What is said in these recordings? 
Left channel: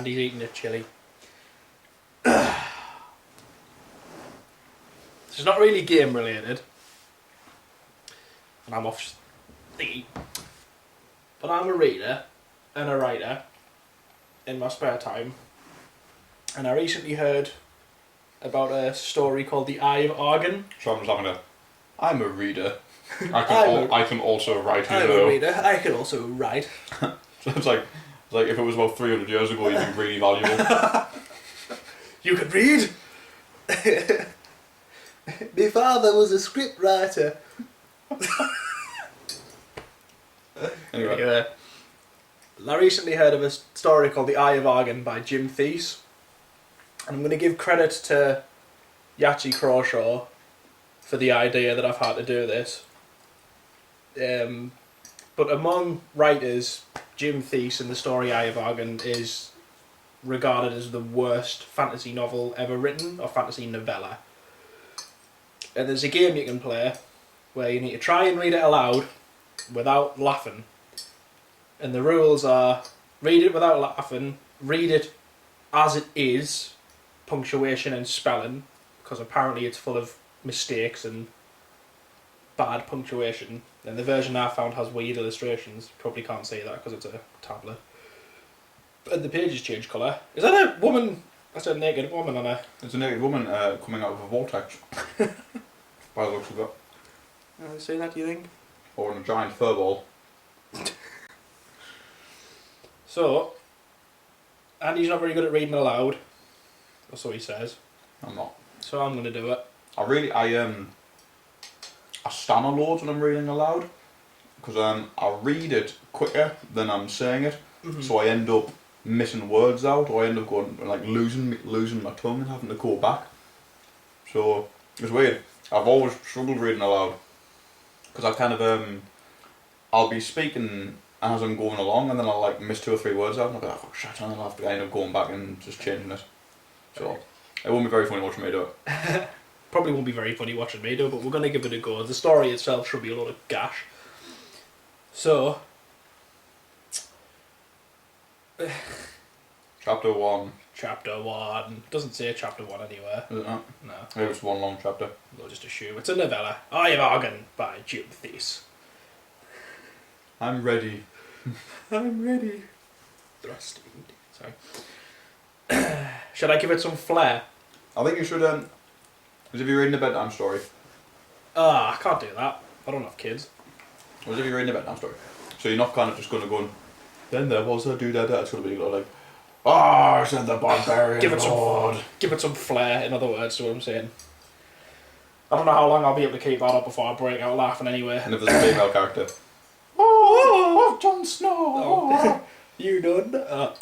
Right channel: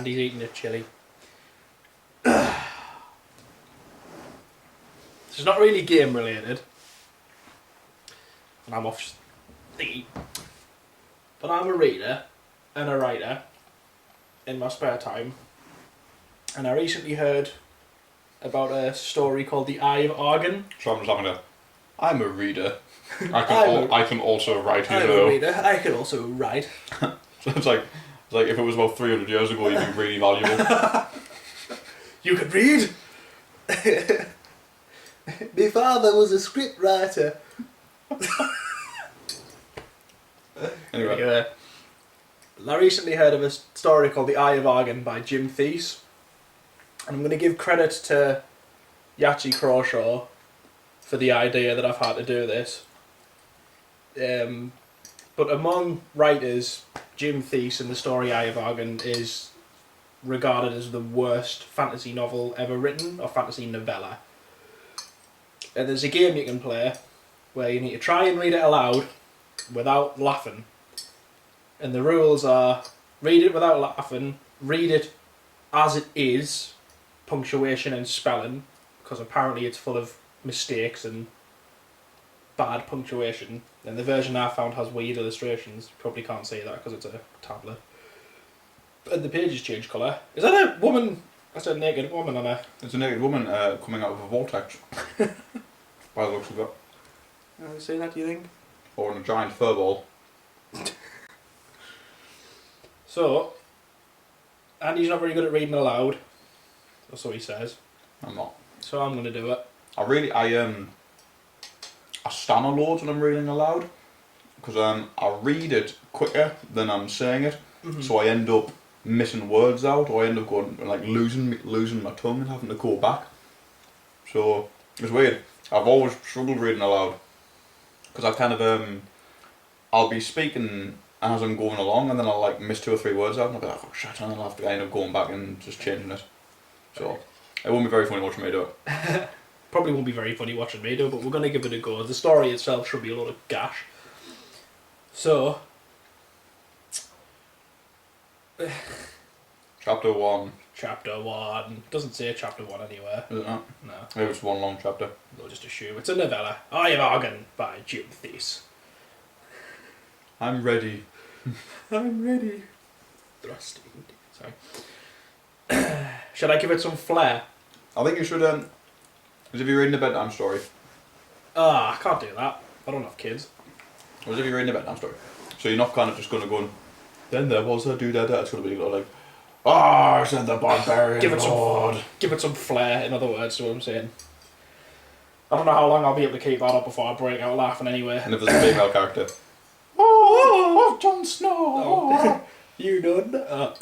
Andy's eating a chili. It's not really game related. And I'm off thingy. But I'm a reader and a writer in my spare time. And I recently heard about a story called The Eye of Argon. So I'm just having I'm a reader. I can also write, I'm a reader. I can also write. So it's like if it was about 300 years ago, you'd be really valuable. You could read? My father was a script writer. Anyway. I recently heard of a story called The Eye of Argon by Jim Theis. And I'm going to give credit to Yachi Crawshaw for the idea that I've had to do this. But among writers, Jim Theis in the story Eye of Argon is regarded as the worst fantasy novel ever written, or fantasy novella. And there's a game you can play where you need to try and read it aloud without laughing. And the rules are, read it without laughing, read it as it is, punctuation and spelling, because apparently it's full of mistakes and bad punctuation. And the version I found has weird illustrations. Probably can't see that because it's a tablet. And the pages change colour. Is that a woman? That's a naked woman on a... There's a naked woman coming out of a vortex. By the looks of it. Have you seen that, do you think? Or in a giant fur ball. So, Andy's not very good at reading aloud. That's what he says. I'm not. So I'm going to do it. I stammer loads when I'm reading aloud. Because I read it quicker than I'm saying it. Mm-hmm. So I end up missing words out, or I end up going like losing my tongue and having to go back. So it's weird. I've always struggled reading aloud because I kind of I'll be speaking as I'm going along, and then I'll like miss 2 or 3 words out, and I'll be like, oh shit, and then I'll have to end up going back and just changing it. So it won't be very funny watching me do it. Probably won't be very funny watching me do it, but we're going to give it a go. The story itself should be a lot of gash. So. Chapter 1. Chapter 1. Doesn't say chapter 1 anywhere. Is it not? No. Maybe it's one long chapter. We'll just assume it's a novella. Eye of Argon by Jim Theis. I'm ready. I'm ready. Thrusting. Sorry. Should I give it some flair? I think you should, as if you're reading a bedtime story. I can't do that. I don't have kids. Or as if you're reading a bedtime story. So you're not kind of just going to go and, then there was a dude there. It's going to be like, oh, said the barbarian lord. Give it some flair, in other words, to what I'm saying. I don't know how long I'll be able to keep that up before I break out laughing anyway. And if there's a female character. Oh, Jon Snow. Oh. You know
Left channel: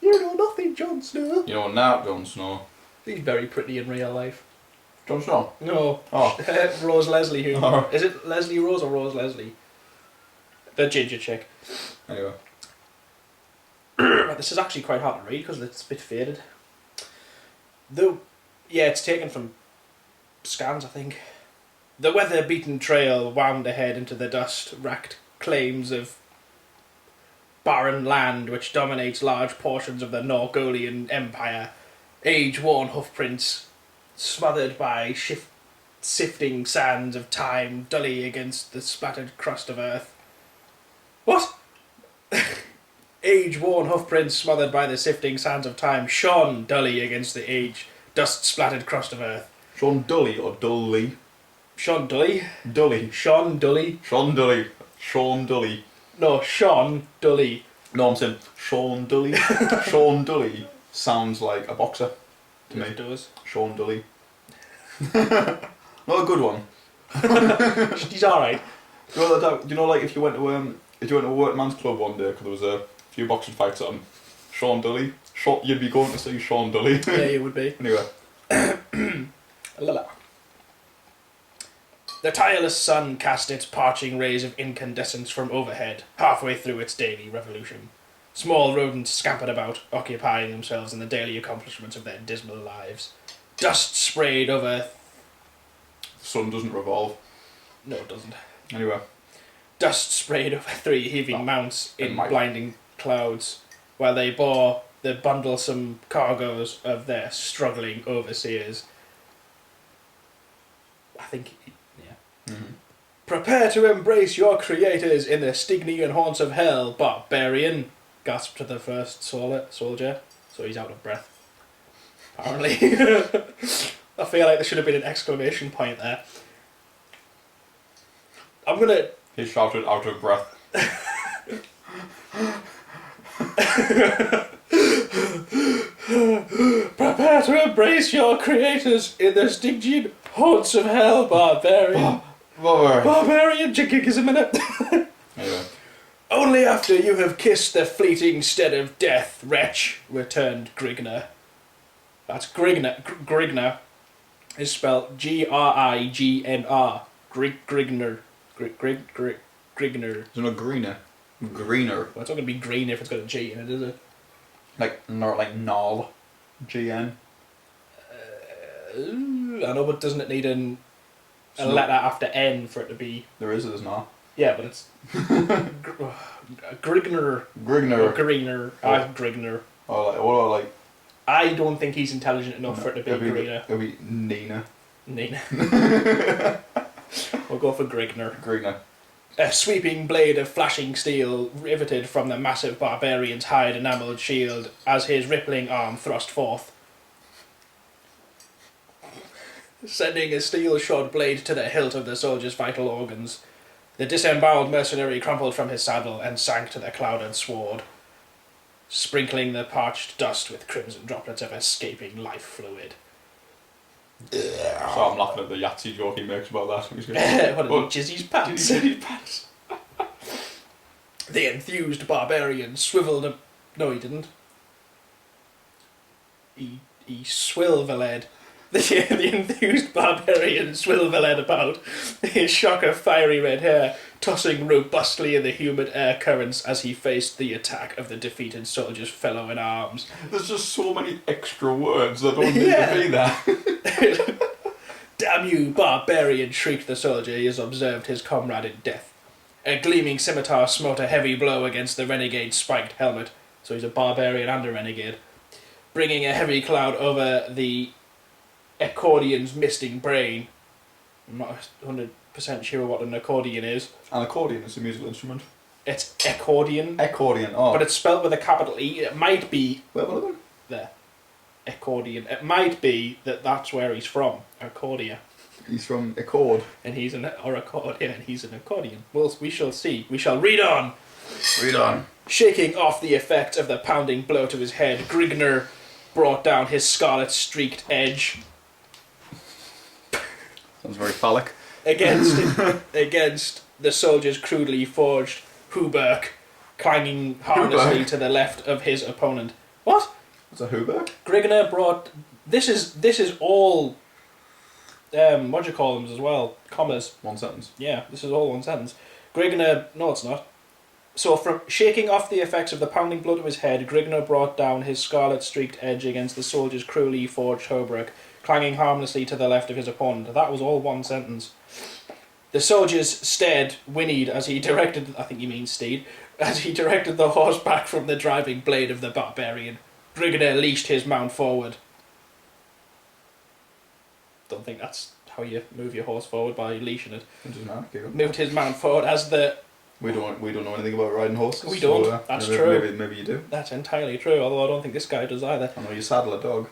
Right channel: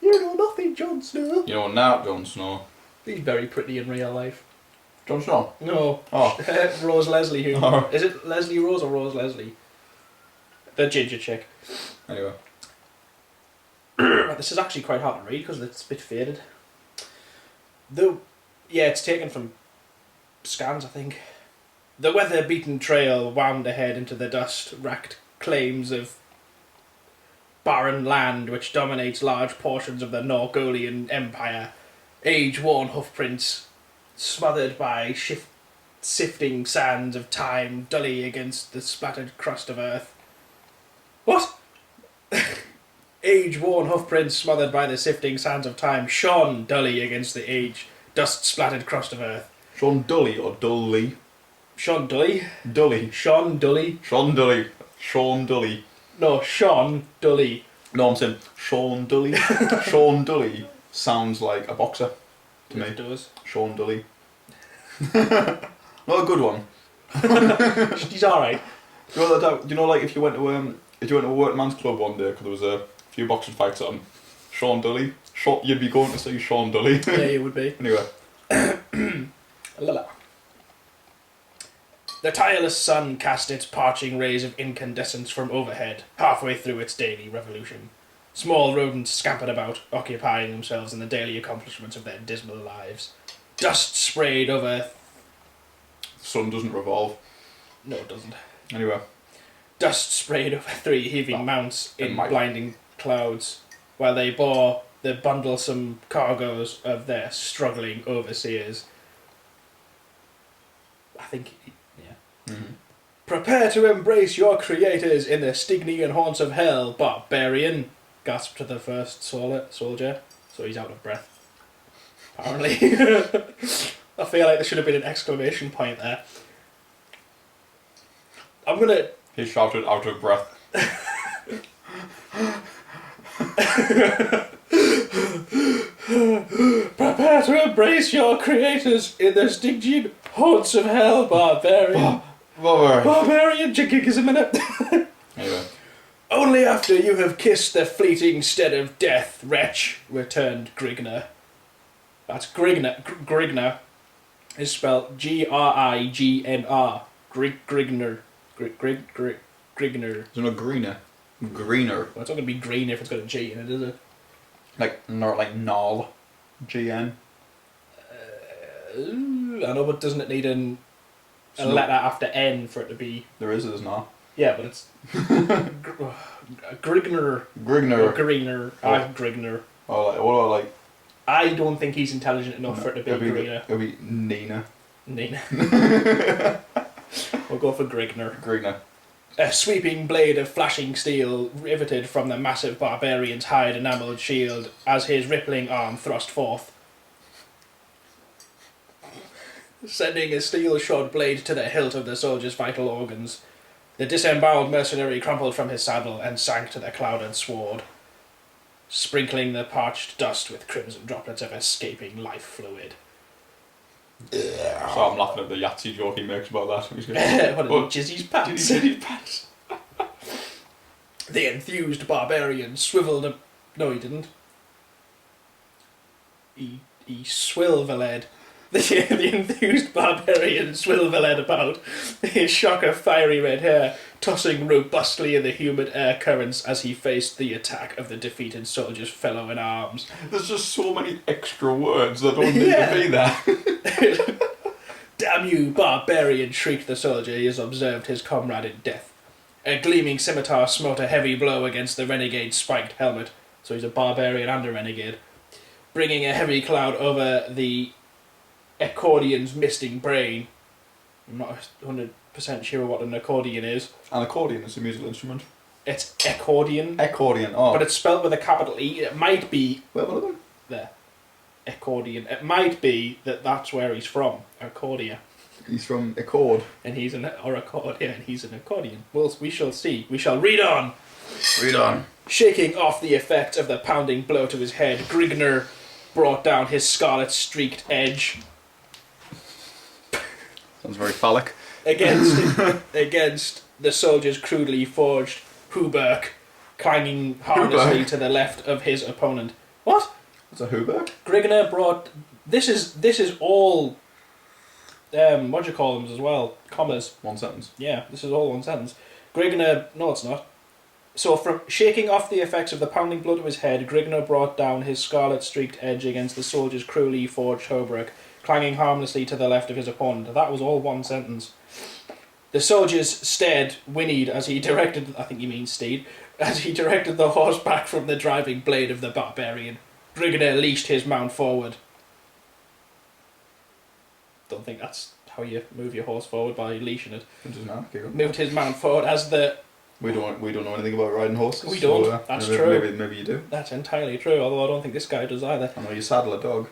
you know nothing, Jon Snow. You know now, Jon Snow. He's very pretty in real life. Jon Snow? No. Oh. Rose Leslie. Who? Oh. Is it Leslie Rose or Rose Leslie? The ginger chick. Anyway. This is actually quite hard to read because it's a bit faded. Though, yeah, it's taken from scans, I think. The weather-beaten trail wound ahead into the dust-racked claims of barren land which dominates large portions of the Norgolian Empire. Age-worn hoofprints, smothered by sifting sands of time, dully against the splattered crust of earth. What? Age-worn hoofprints smothered by the sifting sands of time shone dully against the dust-splattered crust of earth. Sean Dully or Dully? Sean Dully? Dully. Sean Dully? Sean Dully. Sean Dully. No, Sean Dully. No, I'm saying Sean Dully. Sean Dully sounds like a boxer to me. It does. Sean Dully. Not a good one. He's alright. Do you know, like if you went to a workman's club one day because there was a few boxing fights on, Sean Dully, you'd be going to see Sean Dully. Yeah, you would be. Anyway. The tireless sun cast its parching rays of incandescence from overhead, halfway through its daily revolution. Small rodents scampered about, occupying themselves in the daily accomplishments of their dismal lives. Dust sprayed over... The sun doesn't revolve. No, it doesn't. Anyway. Dust sprayed over 3 heaving mounts in blinding clouds, while they bore the bundlesome cargoes of their struggling overseers. I think, yeah. Mm-hmm. Prepare to embrace your creators in the Stygian haunts of hell, barbarian, gasped the first soldier. So he's out of breath. Apparently. I feel like there should have been an exclamation point there. I'm gonna... He shouted out of breath. Prepare to embrace your creators in the Stygian haunts of hell, barbarian. Barbarian, give us a minute. Anyway. Only after you have kissed the fleeting stead of death, wretch, returned Grigner. That's Grigner. Grigner is spelled Grignr. Grigner. Grigner. Is it not greener? Greener. Well, it's not going to be green if it's got a G in it, is it? Like Nall. GN. I know, but doesn't it need a letter after N for it to be... There is, there's not. Yeah, but it's... Grigner. Grigner. Or Greener. Grigner. Oh, like, what about like... I don't think he's intelligent enough for it to be Greener. It'll be Nina. Nina. We'll go for Grigner. Grigner. A sweeping blade of flashing steel riveted from the massive barbarian's hide enamelled shield as his rippling arm thrust forth, sending a steel-shod blade to the hilt of the soldier's vital organs. The disemboweled mercenary crumpled from his saddle and sank to the clouded sward, sprinkling the parched dust with crimson droplets of escaping life fluid. So I'm laughing at the Yahtzee joke he makes about that. What did he, Jizzy's pants? Jizzy's pants. The enthused barbarian swiveled... No, he didn't. He swilveled. The enthused barbarian swilveled about, his shock of fiery red hair tossing robustly in the humid air currents as he faced the attack of the defeated soldier's fellow in arms. There's just so many extra words that don't need to be there. Damn you, barbarian, shrieked the soldier as he observed his comrade in death. A gleaming scimitar smote a heavy blow against the renegade's spiked helmet, so he's a barbarian and a renegade, bringing a heavy cloud over the accordion's misting brain. I'm not 100% sure what an accordion is. An accordion is a musical instrument. It's accordion. Accordion, oh. But it's spelled with a capital E. It might be... Where one of them? There. Accordion. It might be that's where he's from. Accordia. He's from Accord. And he's an... Or Accordia, and he's an accordion. Well, we shall see. We shall read on. Read on. Shaking off the effect of the pounding blow to his head, Grigner brought down his scarlet-streaked edge... Sounds very phallic. Against the soldier's crudely forged hauberk, clanging harmlessly to the left of his opponent. What? What's a hauberk? Grigner brought... This is all... what do you call them as well? Commas. One sentence. Yeah, this is all one sentence. Grigner... No, it's not. So from shaking off the effects of the pounding blow to his head, Grigner brought down his scarlet-streaked edge against the soldier's cruelly forged hauberk, clanging harmlessly to the left of his opponent. That was all one sentence. The soldier's steed whinnied as he directed... I think you mean steed. As he directed the horse back from the driving blade of the barbarian. Grigner leashed his mount forward. Don't think that's how you move your horse forward, by leashing it. It doesn't matter. Okay, Moved his mount forward as the... We don't know anything about riding horses. We don't. So, That's maybe, true. Maybe you do. That's entirely true, although I don't think this guy does either. I know you saddle a dog.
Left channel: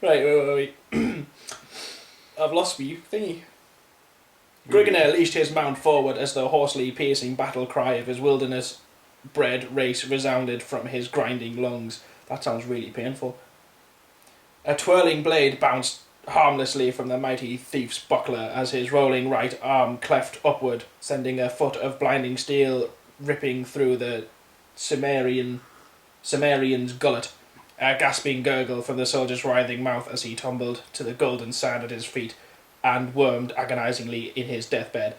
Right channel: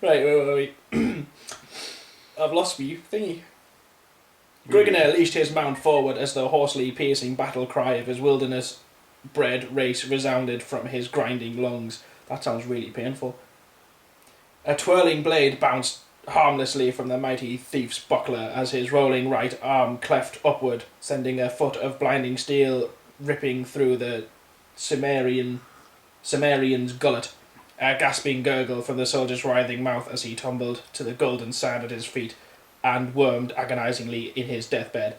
Right, wait. I've lost me thingy. Grigner leashed his mount forward as the hoarsely piercing battle cry of his wilderness-bred race resounded from his grinding lungs. That sounds really painful. A twirling blade bounced harmlessly from the mighty thief's buckler as his rolling right arm cleft upward, sending a foot of blinding steel ripping through the Cimmerian's gullet. A gasping gurgle from the soldier's writhing mouth as he tumbled to the golden sand at his feet and wormed agonizingly in his deathbed.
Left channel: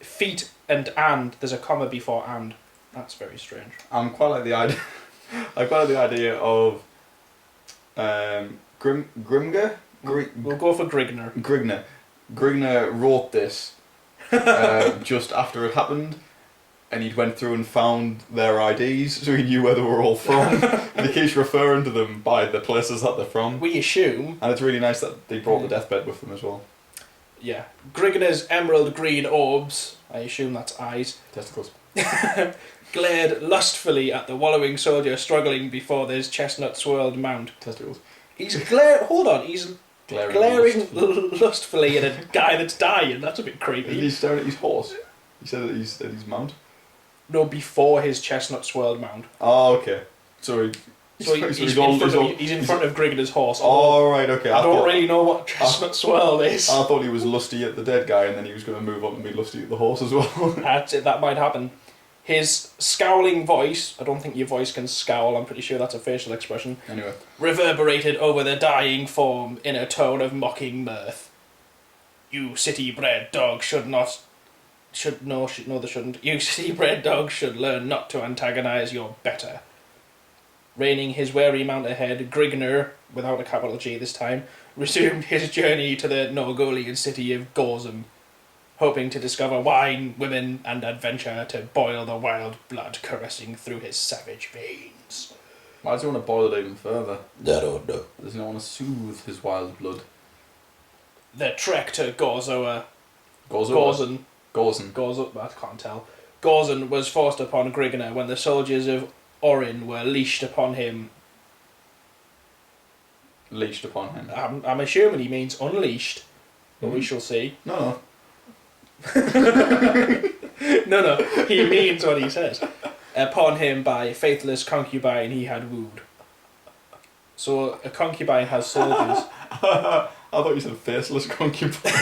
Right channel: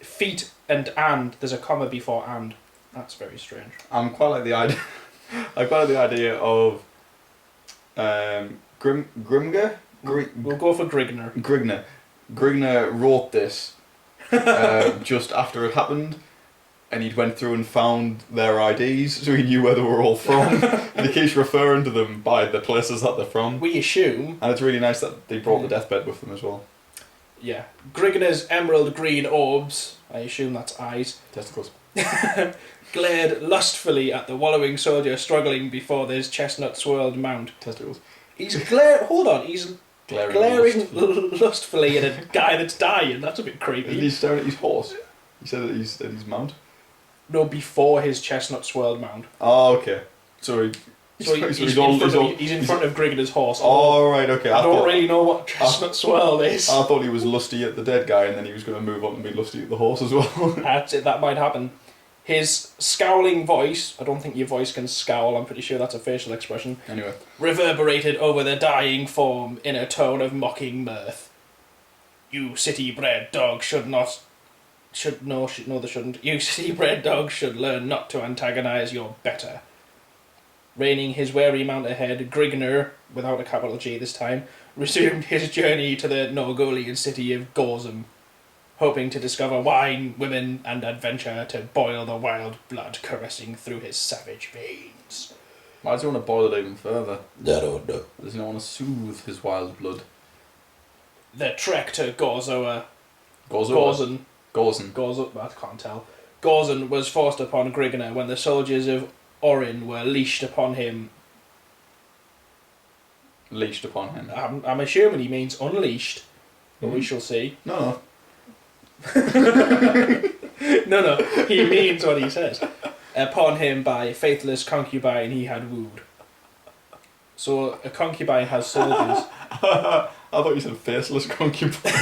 Feet and, there's a comma before and. That's very strange. I'm quite like the idea. I quite like the idea of Grimger. We'll go for Grigner. Grigner wrote this just after it happened, and he'd went through and found their IDs, so he knew where they were all from. And he keeps referring to them by the places that they're from. We assume. And it's really nice that they brought the deathbed with them as well. Yeah. Grigner's emerald green orbs, I assume that's eyes, Testicles. glared lustfully at the wallowing soldier struggling before his chestnut-swirled mount. Testicles. He's glaring lustfully at a guy that's dying. That's a bit creepy. He's staring at his horse. He said that he's at his mount. No, before his chestnut-swirled mount. Oh, okay. So he's in front of Grigner's horse. Oh, right, okay. I don't really know what chestnut swirl is. I thought he was lusty at the dead guy, and then he was going to move on and be lusty at the horse as well. That's it, that might happen. His scowling voice, I don't think your voice can scowl, I'm pretty sure that's a facial expression, Anyway. reverberated over the dying form in a tone of mocking mirth. You city-bred dog they shouldn't. You city-bred dog should learn not to antagonise your better. Reining his wary mount ahead, Grigner, without a capital G this time, resumed his journey to the Norgolian city of Gorzum, hoping to discover wine, women, and adventure to boil the wild blood caressing through his savage veins. Why does he want to boil it even further? I don't know. Does he not want to soothe his wild blood? The trek to Gorzon, I can't tell. Gorzon was forced upon Grigner when the soldiers of Orin were leashed upon him. Leashed upon him? I'm assuming he means unleashed, but we shall see. No. No, he means what he says. Upon him by a faithless concubine he had wooed. So a concubine has soldiers. I thought you said faceless concubine.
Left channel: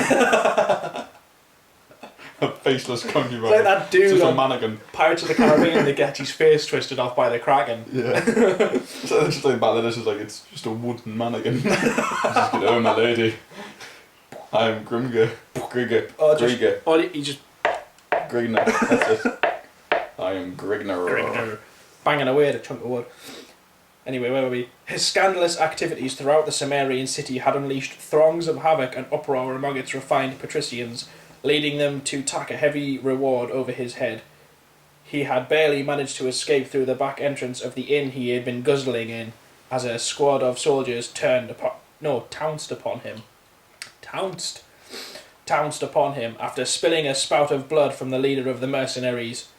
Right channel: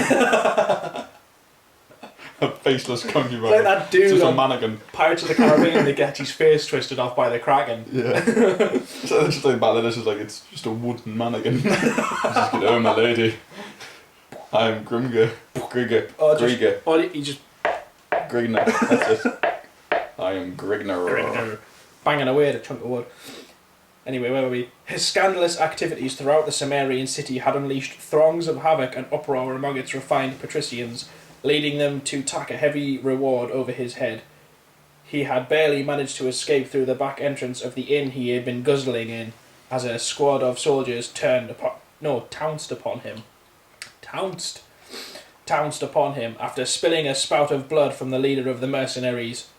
A faceless concubine. Like that dude just a on mannequin. Pirates of the Caribbean that gets his face twisted off by the Kraken. Yeah. So it's just like back then, it's just like, it's just a wooden mannequin. Just get over, my lady. I am Grigner. He just Grigner. That's it. I am Grigner. banging away at a chunk of wood. Anyway, where were we? His scandalous activities throughout the Cimmerian city had unleashed throngs of havoc and uproar among its refined patricians, leading them to tack a heavy reward over his head. He had barely managed to escape through the back entrance of the inn he had been guzzling in, as a squad of soldiers trounced upon him. Trounced upon him after spilling a spout of blood from the leader of the mercenaries.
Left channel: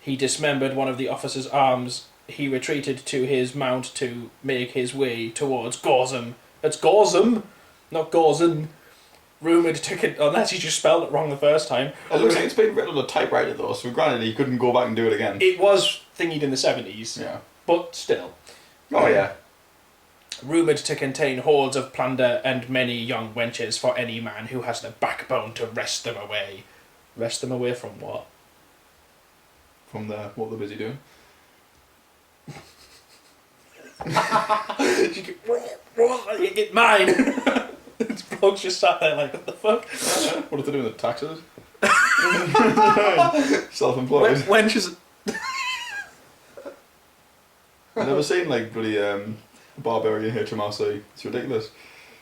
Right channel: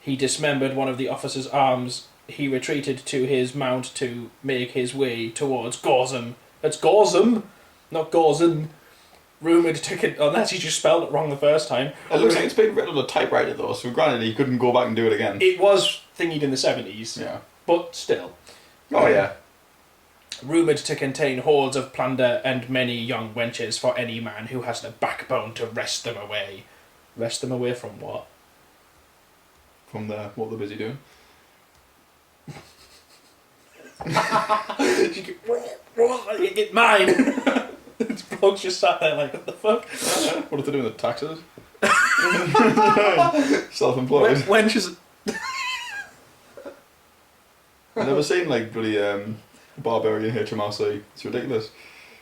He dismembered one of the officer's arms. He retreated to his mount to make his way towards Gorzum. That's Gorzum, not Gorzon. Rumoured to... Unless he just spelled it wrong the first time. It looks like it's been written on a typewriter though, so granted he couldn't go back and do it again. It was thingied in the 70s. Yeah. But still. Oh yeah. Rumoured to contain hordes of plunder and many young wenches for any man who has the backbone to wrest them away. Wrest them away from what? From what they're busy doing. You get mine! This bloke's just sat there like, what the fuck? What are they doing with the taxes? Self-employed. Wenches... I've never seen like bloody Barbarian HMRC. It's ridiculous.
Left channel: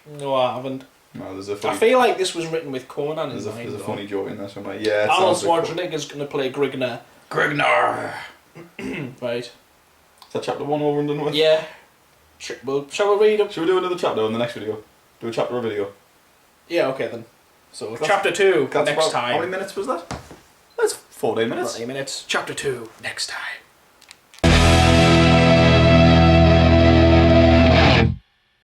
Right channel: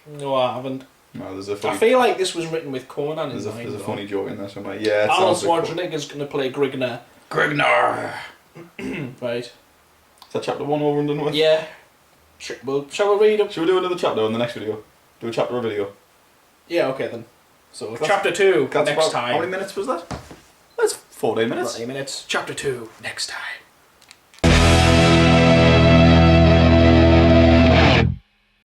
No, I haven't. No, there's a funny... I feel like this was written with Conan in mind. There's a funny joke in there somewhere. Yeah, it Arnold sounds like Schwarzenegger's going to play Grigner. Grigner! Right. Is that chapter 1 over and done with? Yeah. Shall we read them? Should we do another chapter on the next video? Do a chapter a video? Yeah, okay then. So, chapter 2 next time. How many minutes was that? That's 14 minutes. 14 minutes. Chapter 2 next time.